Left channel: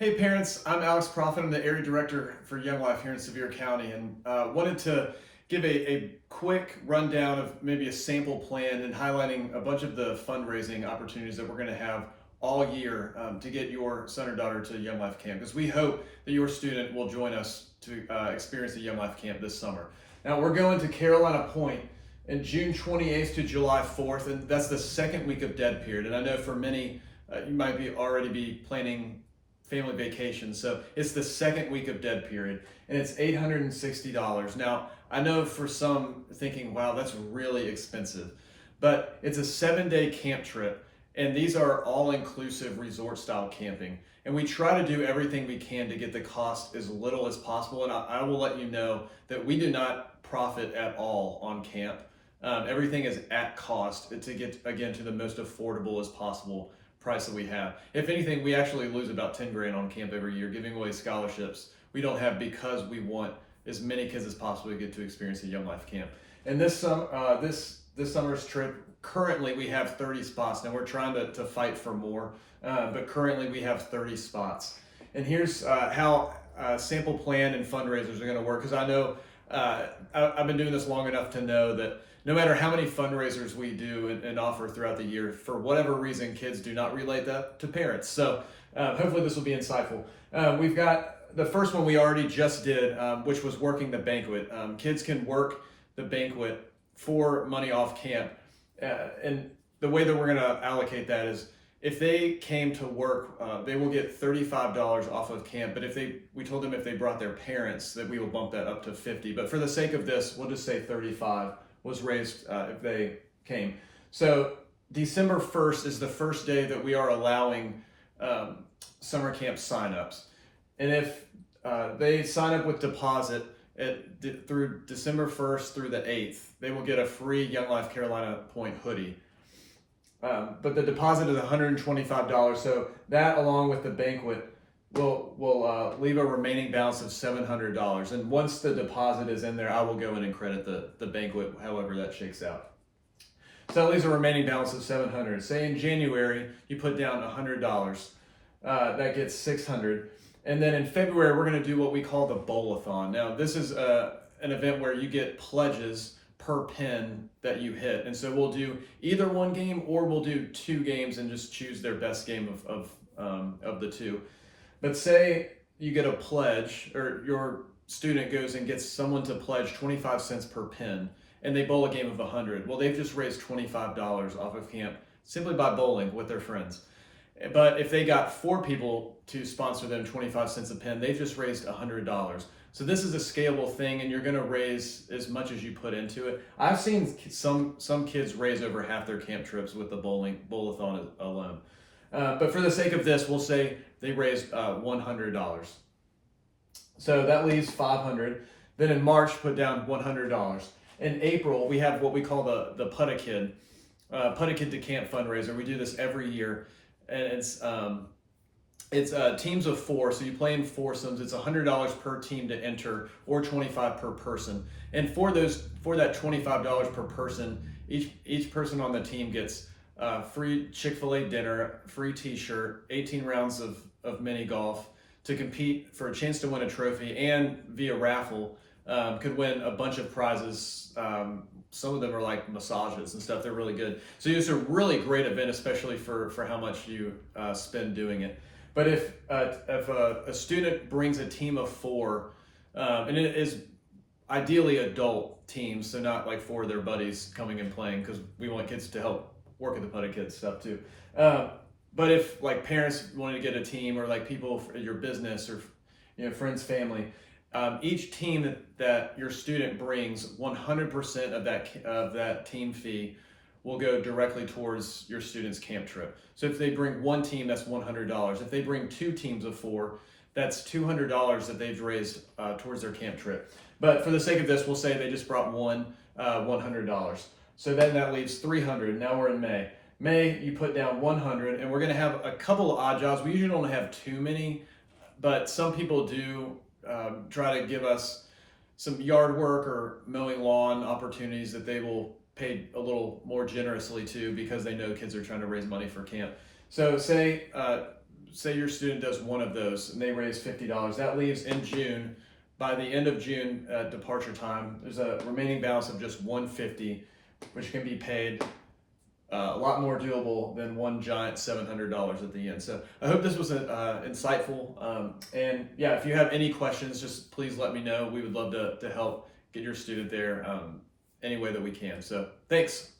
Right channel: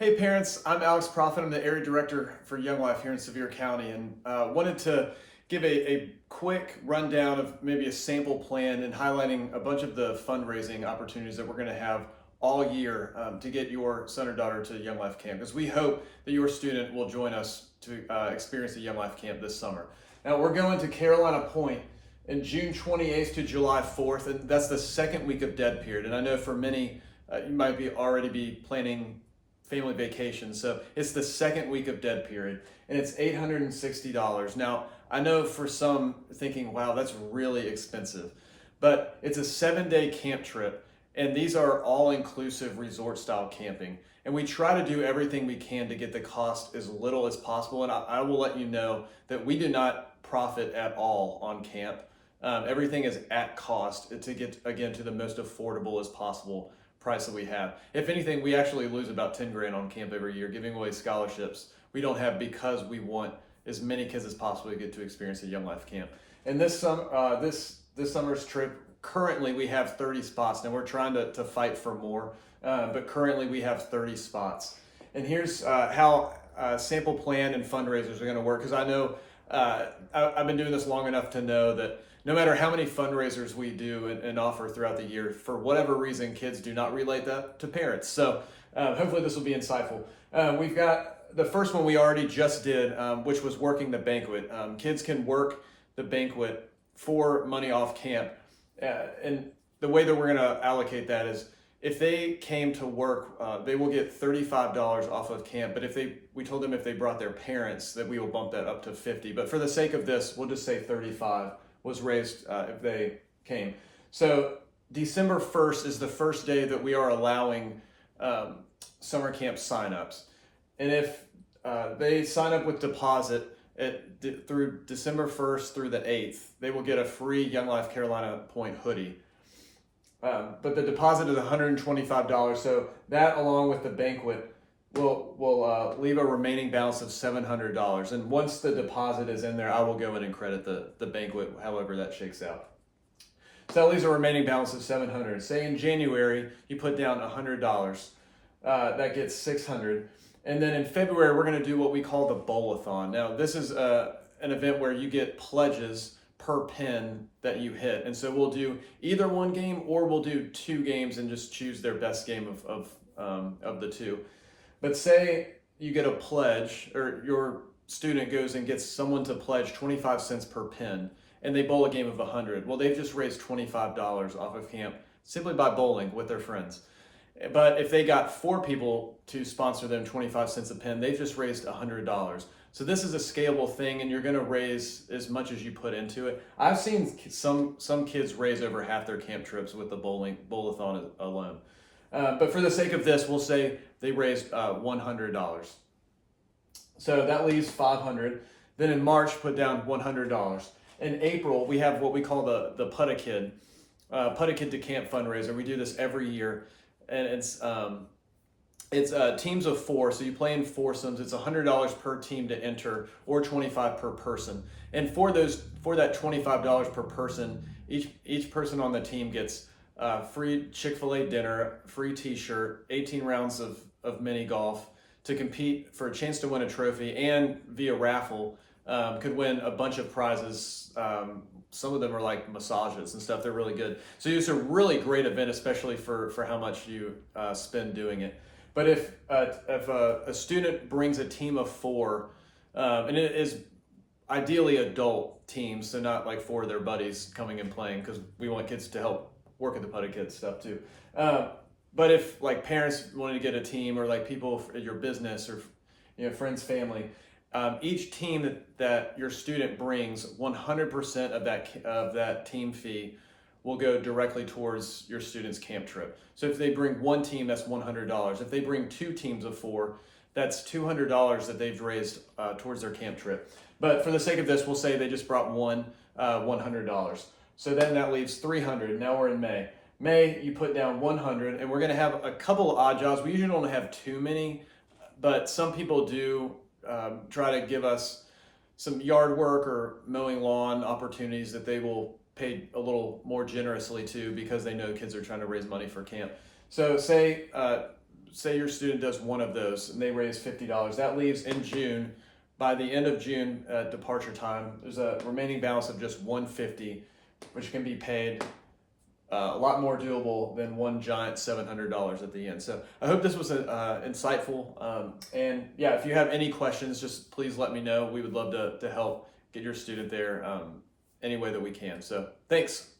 Hey parents, I'm Alex Profit. I'm the area director for Young Life here in Sevier County, and wanted to give a quick rundown of maybe a sample plan and highlighting a bunch of the fundraising opportunities that we're going to have all year to get your son or daughter to Young Life Camp, because we hope that your student will join us to experience the Young Life Camp this summer. Now we're going to Carolina Point in June 28th to July 4th, and that's the second week of dead period. And I know for many, you might be already be planning family vacation. So it's the second week of dead period and it's $860. Now, I know for some thinking, wow, that's really expensive, but it's a 7-day camp trip and these are all inclusive resort style camping. And we try to do everything we can to get the cost as little as possible. And I will let you know that we do not profit at all on camp. Everything is at cost to get, again, to the most affordable as possible price that we have. If anything, we actually lose about 10 grand on camp every year, giving away scholarships we don't have because we want as many kids as possible to get to experience a Young Life Camp. And this summer's trip, currently we have 30 spots. Now we're trying to fight for more, but currently we have 30 spots. And here's how sample plan and fundraisers are going to work, because I know I've been doing this long enough to know that no matter how many fundraisers we do and offer throughout the year, for whatever reason, kids do not relate that to parents. So hopefully this will be insightful. We've got the first one we already just did, which was working the banquet. Kids can work the banquet for money off camp. And the way that we're going to allocate that is if they came to work, they will get $35 off of camp. But we told them if they brought their parents, that we will bump that up to $50. But for the sake of this, we'll just say $35 was raised if they came. So December 1st is the first day that we are allowing summer camp signups. And if they sign up with deposit through December 1st through the 8th, they will get a free Young Life Carolina Point hoodie. But the deposit is $125. So that, along with the banquet, will leave a remaining balance of $700. And once the deposit is in there, I will go in and credit the banquet, however that shakes out. So that leaves a remaining balance of $700. Say in January, you put down $100. That gets $600. And then in February, we're going to do what we call the bowl-a-thon. Now, this is an event where you get pledges per pin that you hit. And so we'll do either one game or we'll do two games and just choose their best game of the two. But say you get a pledge, or your student goes and gets someone to pledge 25 cents per pin, and they bowl a game of 100. Well, they've just raised $25 off of camp simply by bowling with their friends. But if they got 4 people to sponsor them 25 cents a pin, they've just raised $100. So this is a scalable thing, and you're going to raise as much as you put into it. I've seen some kids raise over half their camp trips with the bowl-a-thon alone. But for the sake of this, we'll say they raised $100. So that leaves $500. Then in March, put down $100. In April, we have what we call the Put a Kid to Camp fundraiser. We do this every year, and it's teams of 4. So you play in foursomes. It's $100 per team to enter, or $25 per person. And for that $25 per person, each person on the team gets free Chick-fil-A dinner, free t-shirt, 18 rounds of mini golf to compete for a chance to win a trophy, and via raffle could win a bunch of prizes. Some of them are like massages and stuff. They're really good. So it's a really great event, especially for how much you spend doing it. But if a student brings a team of 4, and it is ideally adult teams, so not like 4 of their buddies coming and playing, because we want kids to help work at the Put a Kid stuff too. But if like parents wanted to get a team, or like people at your business, or friends, family, each team that your student brings, 100% of that team fee will go directly towards your student's camp trip. So if they bring one team, that's $100. If they bring 2 teams of 4, that's $200 that they've raised towards their camp trip. But for the sake of this, we'll say they just brought one $100. So then that leaves $300. Now we're in May. May, you put down $100, and we're going to have a couple of odd jobs. We usually don't have too many, but some people do try to give us some yard work or mowing lawn opportunities that they will pay a little more generously to, because they know kids are trying to raise money for camp. So say say your student does one of those and they raise $50, that leaves in June, by the end of June departure time, there's a remaining balance of just $150, which can be paid a lot more doable than one giant $700 at the end. So I hope this was insightful. And yeah, if you have any questions, just please let me know. We would love to help get your student there any way that we can. So thanks.